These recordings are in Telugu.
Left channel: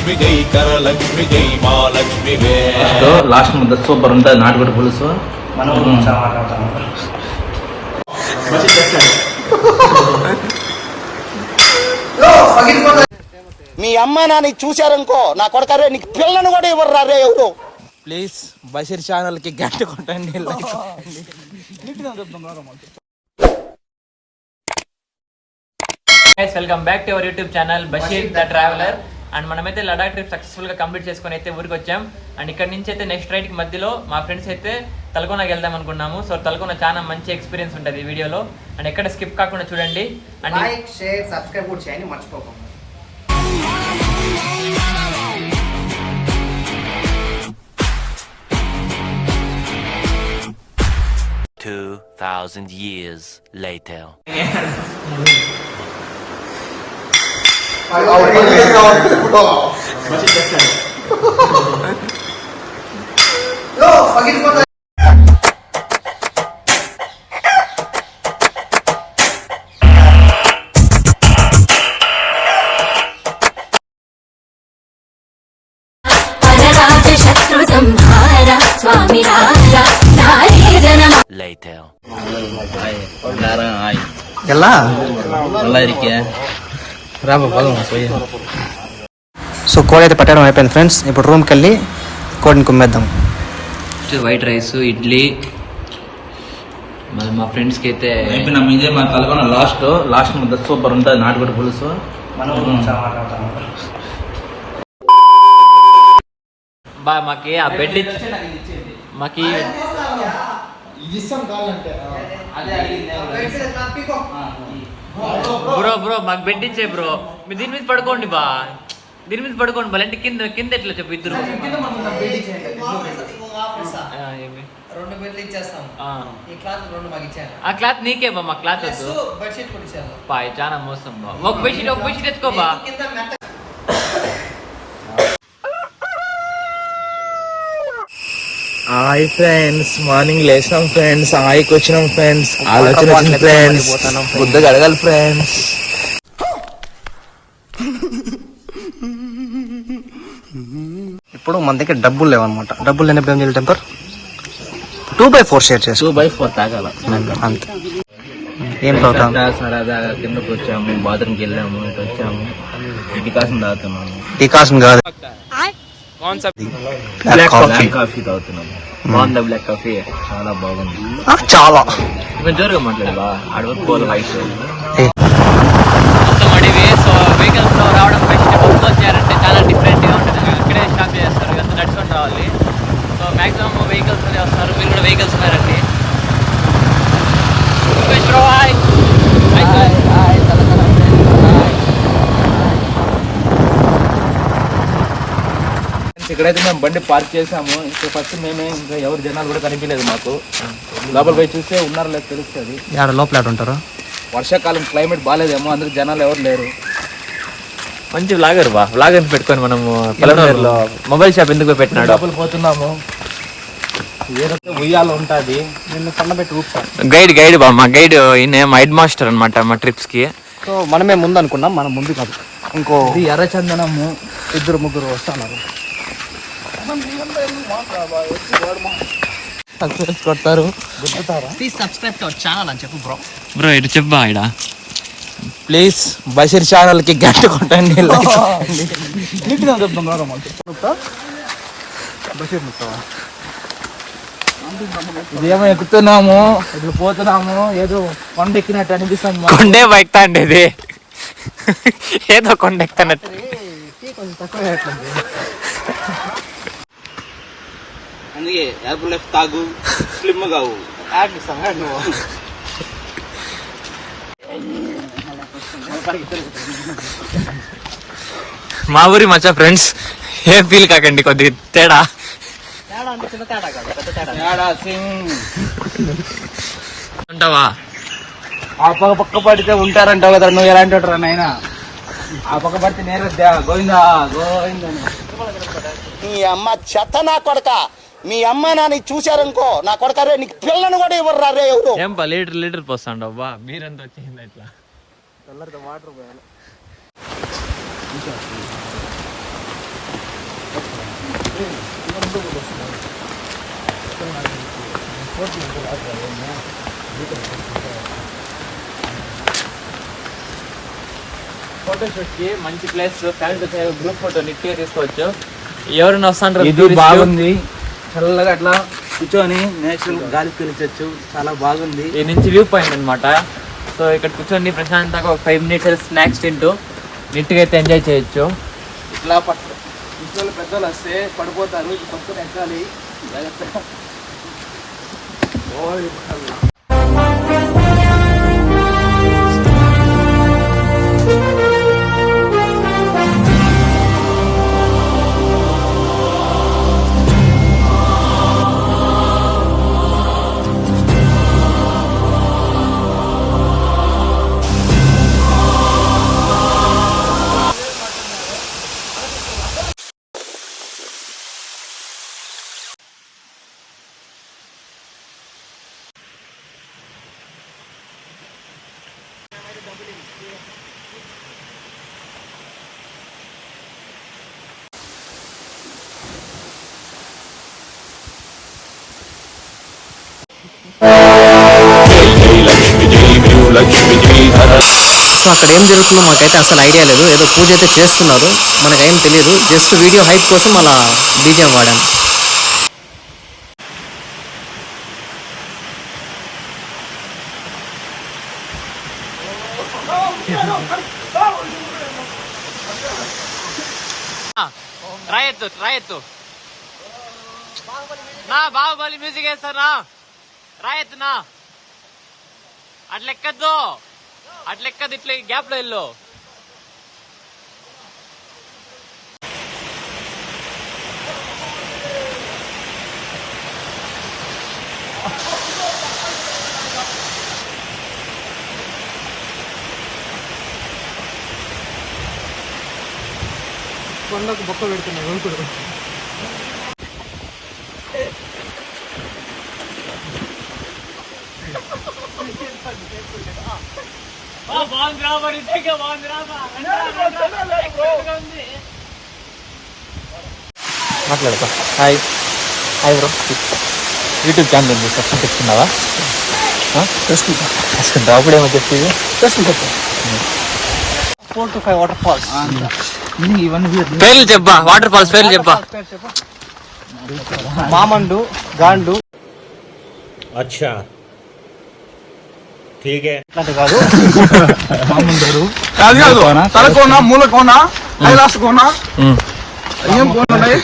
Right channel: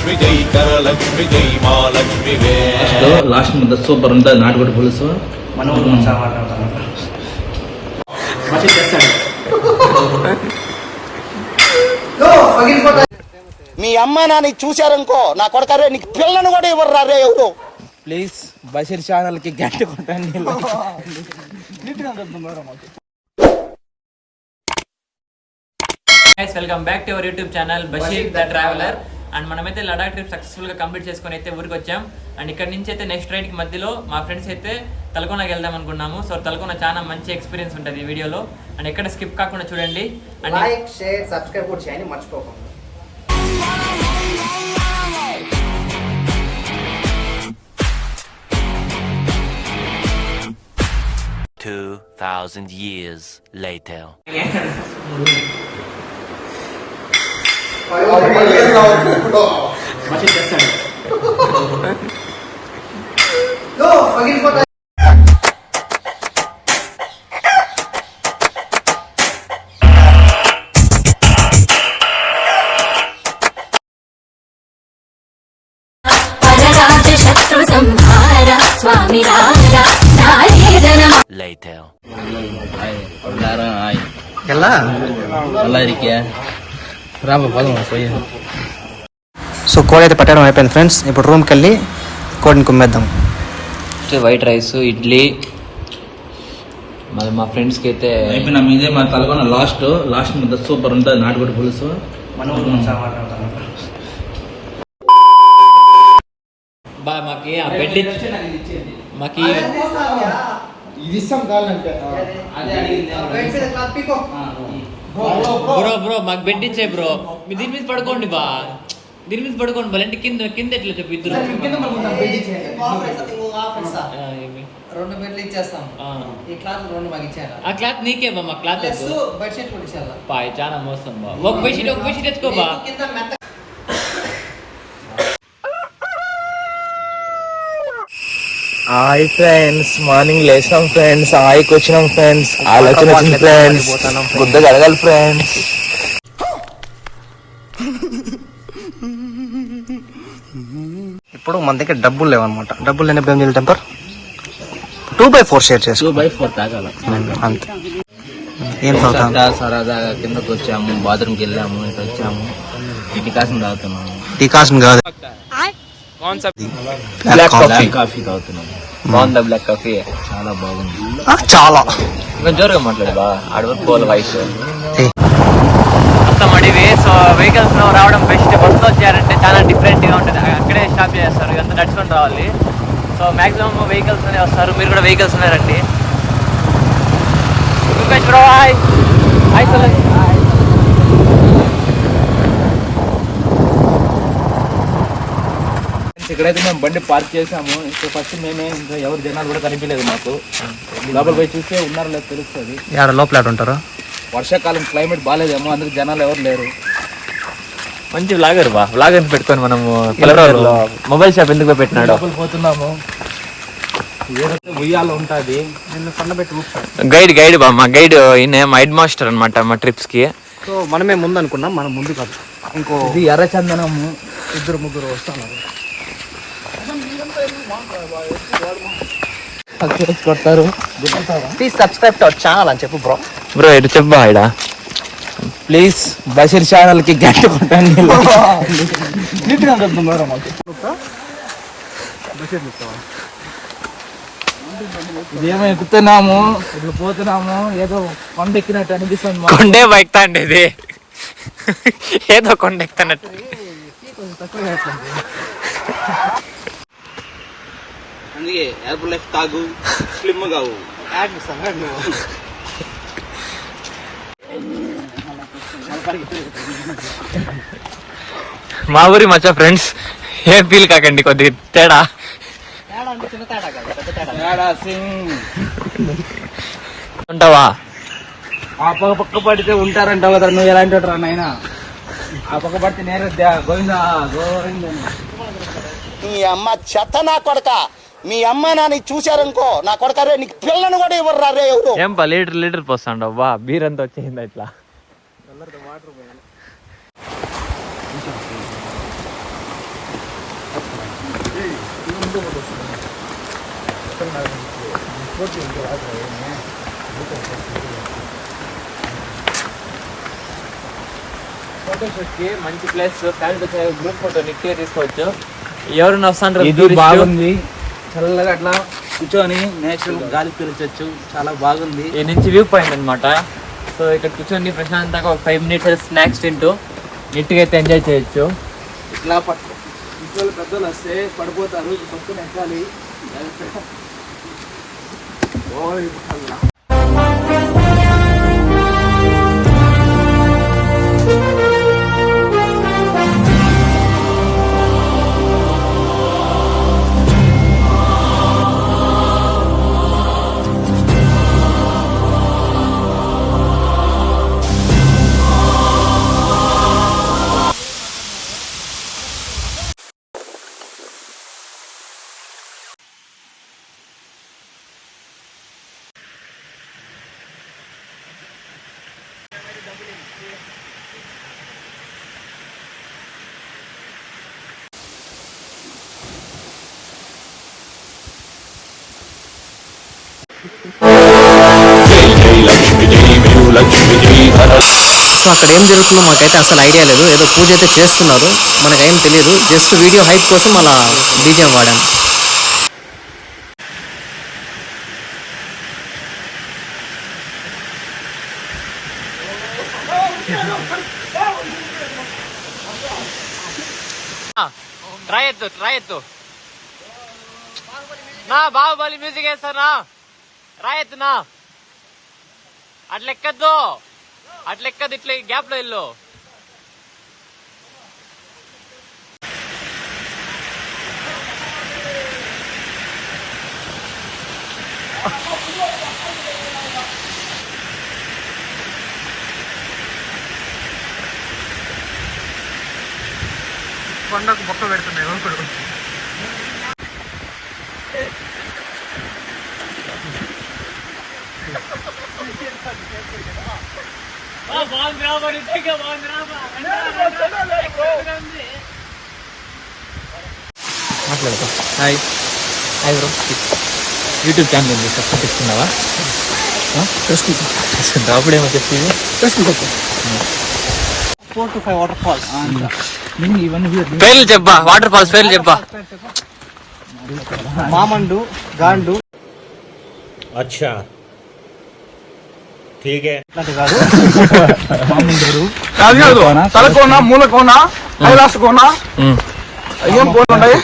లక్ష్మి జై కరలక్ష్మి జై మహాలక్ష్మి లాస్ట్ ముద్ద సూపర్ ఉంటుంది నాటుకోడి పులుసు. మీ అమ్మ నాన్న చూశారనుకో నా కొడకరే నీకు పిల్లను కూడా ఇవ్వరు రే ఎవరు. ప్లీజ్ బషీర్ ఛానల్ కి గంట కొట్టండి. Welcome back to our YouTube channel Basheer the traveller. And మనమైతే లడాక్ ట్రిప్ సక్సెస్ఫుల్ గా కంప్లీట్ చేసుకుని అయితే ఊరికి వచ్చాం. అండ్ ఇక్కడ నుంచి అయితే నెక్స్ట్ రైడ్ కి మధ్యలో మా ఫ్రెండ్స్ అయితే తలకోనకి వెళ్దాం అనుకున్నాము. సో తలకోన చాలా మంచి ఎక్స్పీరియన్స్ ఉంటుంది ఈ వీడియోలో. అండ్ ఎక్కడ స్కిప్ కాకుండా చూడండి. అండ్ లైక్ షేర్ సబ్స్క్రైబ్ కూడా చేయండి మర్చిపోకండి. 2000 years later. स्वामी राजा नारी जनम Later. సో కోడి అయితే పట్టడం అయిపోయింది ఫ్రెండ్స్. ఇప్పుడు రూమ్కి వెళ్ళి కోడిని కుమ్మేద్దాం. White rice, idli. మరి మా ఫ్రెండ్స్కి అయితే ఇదే మా తలకోన లాస్ట్ ముద్ద సూపర్ ఉంటుంది నాటుకోడి పులుసు. బా మాకి ఆ బెడ్ మాకి బ్రో మాకు బెడ్ ఇచ్చే బ్రో. మీరు దీని మీద పడుకోండి బా, దీని మీద పడుకోండి బా. అంటే కింద కింద ఎట్లా చెప్పు ఇద్దరు. రెండు బెడ్లు ఇచ్చేస్తాం. ఈ క్లాత్ రెండు మాకు ఇచ్చాను. ఆ క్లాత్ నీకే బా, మా క్లాత్ వద్దు. బెడ్షీట్ కూడా ఇచ్చాను. బాయ్ చాలా మోసం బా. ఒక బెడ్షీట్ ఎత్తుకో బా. హాయ్ ఫ్రెండ్స్, మార్నింగ్ లేచినాం ఫ్రెండ్స్, హాయికి వచ్చినాం ఫ్రెండ్స్, ఆలోచన వచ్చింది ఫ్రెండ్స్, బుద్ధగా అడగాలి ఫ్రెండ్స్. ఇప్పుడు మన దగ్గర డబ్బులు లేవన్నమాట. డబ్బులు లేనప్పుడు ఏం చేయాలి? టెంపర్ 2/4 షేర్ చేసి 2/4 తాగాల అంతే. ఏం తాగుతాం? సరదాగా కిందకు వచ్చాము, బాత్రూమ్కి వెళ్ళాము, ఇటు వచ్చాము, డికాషన్ తాగుతున్నాము. డికాషన్ కాదు, కాఫీ తాగుతున్నాము. బాగుందా బ్లాక్ కాఫీ? చాలా బాగుంది. చాలా జోరుగా మాట్లాడదా అడవి పోల్ వాయిస్. వెహికల్స్ రావడం వెజిటబుల్స్ వచ్చారంటే చాలా డిఫరెంట్గా ఉంటుంది. ఇక్కడే స్టాప్ చేస్తారు, ఇదంతా నడుచుకొని రావాలి. సో మ్యాక్సిమం వెహికల్స్ వస్తారు. మీరు కూడా వెహికల్స్ ఉన్నారండి. ఇక్కడైతే మేము బండి పార్క్ చేసాము. ఇంకా ఫస్ట్ మేమే, ఇంకా ఎవరు జనాలు కూడా కనిపించలేదు మాకు. లోపల పోయి చూస్తే ఉన్నారో లేదు తెలుస్తుంది. లోపల ఉంటారు. వర్షాకాలం క్లైమేట్ బాగాలేదేమో, అందరికి జనాలు ఎవరు లేరు. మంచి వ్లాగర్ బా. వ్లాగర్ పెట్టుకొని మనము మొబైల్ షాప్ ఎందుకు పెట్టినాడు. లోపల పోతున్నాము. ఏదైతే ఉయ్యాల ఉంటుంది, నిన్ను కన్నబెట్టి గైడ్ బా. మా గైడ్ ఈయన మా హెడ్ మాస్టర్ అనమాట మా ట్రిప్స్ కి. సో మనమే ముందు అనుకున్నాం, మనం ముందు కాదు. ఇంకో ఇది ఎర్రచందనము, 2-3 వస్తున్నారు. కొడతారు, please subscribe to our channel అని చెప్పు బ్రో. ఇటు చెప్పా ఇడ. ప్లీజ్ బషీర్ ఛానల్ కి గంట కొట్టండి. ఇదేమో ఎక్కుతున్నాము, ఇట్లా పోతున్నాము, ఏదో కొండ ఎక్కినట్టు అనిపిస్తుంది. కొండే బైక్ తాండి ఇది, ఏదో కొండ ఎక్కుతున్నట్టు. అందుకే యాపిల్ లైఫ్ తాగు, స్లిమ్ కావు. మా ఊరి మచ్చా ఫ్రెండ్స్, ఏం ఫీల్ కాకండి, కొద్దిగా తేడా ఉంటావా. ఆ పక్క పడితే ఉంటారంటావు కదా, నువ్వు ఎలాంటి వాడు రా నాయనా. ఆ పక్క పడితే నేను గోవిందా గోవిందా. మీ అమ్మ చెత్త నా కొడక. మీ అమ్మ నాన్న చూశారనుకో నా కొడకరే నీకు పిల్లను కూడా ఇవ్వరు రే ఎవరు. ఏం పా లీటర్ పోస్తాండవు బా. బీర్ అంతా వచ్చేసింది ఇట్లా. ఫోటోషూట్ కి మంచి ప్లేస్, ఫ్యామిలీ గ్రూప్ ఫోటో నీట్గా తీసుకోవచ్చు. ఎవరైనా వస్తాంటారు, ఇది బాగుంది, చల్లగా అట్లా కూర్చొని నేచురల్ గాలి పీల్చొచ్చు, చాలా బాగుంది. ఈ నుంచి వ్యూ పాయింట్ అనమాట. సో ఇక్కడ కూర్చొని ప్రశాంతంగా ఒక 5 minutes స్నాక్స్ తింటూ నీట్గా అయితే ఎంజాయ్ చేయొచ్చు. ఇట్లా ఇంట్లో పెద్దోళ్ళు వస్తే పడిపోతారు, పట్టుకొని ఎక్కాలి. జై జై లక్ష్మి జై లక్ష్మి జై ధర. సో అక్కడ ఏం జరుగుతుందో మాకైతే అసలు ఐడియా లేదు. ఏదో పూజ అయితే చేస్తున్నారు, మనకేం తెలియదు. జస్ట్ వీడియో హైప్ కోసం అలా బీజిఎం వాడాను. రాయెత్తు నా బాహుబలి మ్యూజిక్ వేస్తానా, రాయెత్తునా. అట్లెక్కద్దు, ఇట్లా గ్యాప్ లో వెళ్ళు. కొండకు బొక్క పెడుతున్నాయి ఊరుకుడు. మాట్లాడతా. Hi bro. యూట్యూబ్ ఛానల్ ఉంది, సబ్స్క్రైబ్ చేసుకున్నావా? చేసుకుంటా. అప్పుడేమో చెప్పేది 4 to 5 వాటర్ ఫాల్స్. ఇవన్నీ పేర్లు చెప్పా, వాటర్ ఫాల్స్ పేర్లు చెప్పా. మామండు, గాండు. అచ్చా ठीक है. తలకోన, మూలకోన, కైలాస కోన, ఏం కోన ఉన్నాయి?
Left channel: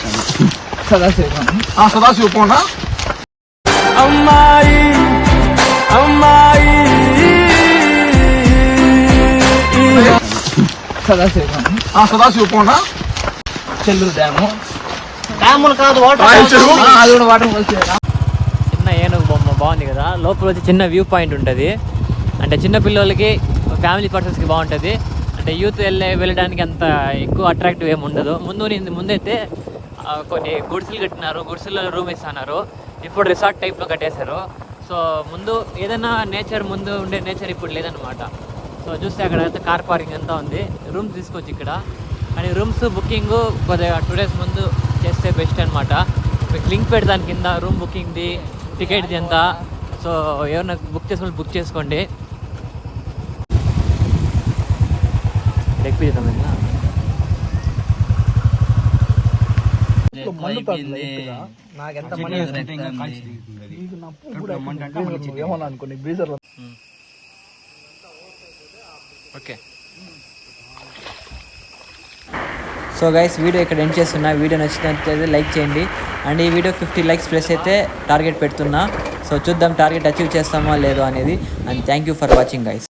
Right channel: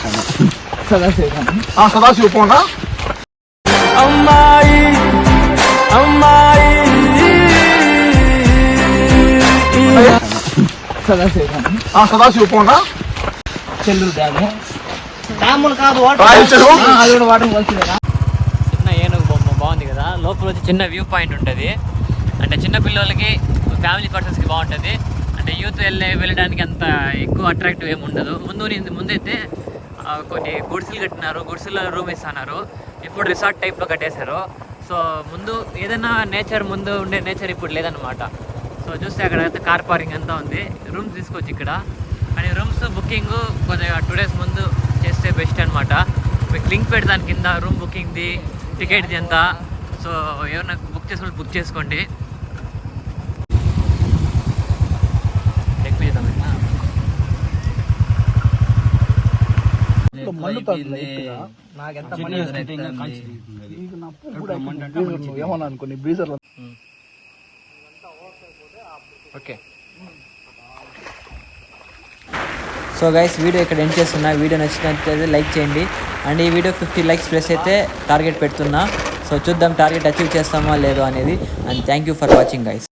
సదాశివ కోన. అమ్మాయి సదాశివ కోన. చెల్లూరు డ్యాము. డ్యాములు కాదు, అది కూడా వాటర్ కలిసి. చిన్న ఏనుగు బొమ్మ బాగుంది కదా. లోపల వచ్చి చిన్న వ్యూ పాయింట్ ఉంటుంది. అంటే చిన్న పిల్లలకి, ఫ్యామిలీ పర్సన్స్కి బాగుంటుంది. అంటే యూత్ వెళ్ళడానికి అంత ఎక్కువ అట్రాక్టివ్ ఏమి ఉండదు. ముందైతే కొన్ని గుడిసెలు కట్టినారు, గుడిసెల్లో రూమ్ ఇస్తున్నారు. ఇప్పుడు రిసార్ట్ టైప్లో కట్టేశారు. సో ముందు ఏదైనా నేచర్, ముందు ఉండే నేచర్ ఇప్పుడు లేదనమాట. సో చూస్తే అక్కడ అయితే కార్ పార్కింగ్ అంతా ఉంది. రూమ్స్ తీసుకోవచ్చు ఇక్కడ. అండ్ రూమ్స్ బుకింగ్ కొద్దిగా 2 days ముందు చేస్తే బెస్ట్ అనమాట. మీకు లింక్ పెడతాను కింద, రూమ్ బుకింగ్ది, టికెట్ది అంతా. సో ఏమన్నా బుక్ చేసుకోండి. ఓకే. సో గైస్, వీడియో ఇక్కడ ఎండ్ చేస్తున్నా. వీడియో నచ్చినట్లయితే లైక్ చేయండి. అండ్ ఈ వీడియో 50 likes ప్లస్ అయితే టార్గెట్ పెడుతున్నా. సో చూద్దాం టార్గెట్ అచీవ్ చేస్తామా లేదో అనేది. And thank you for watching guys.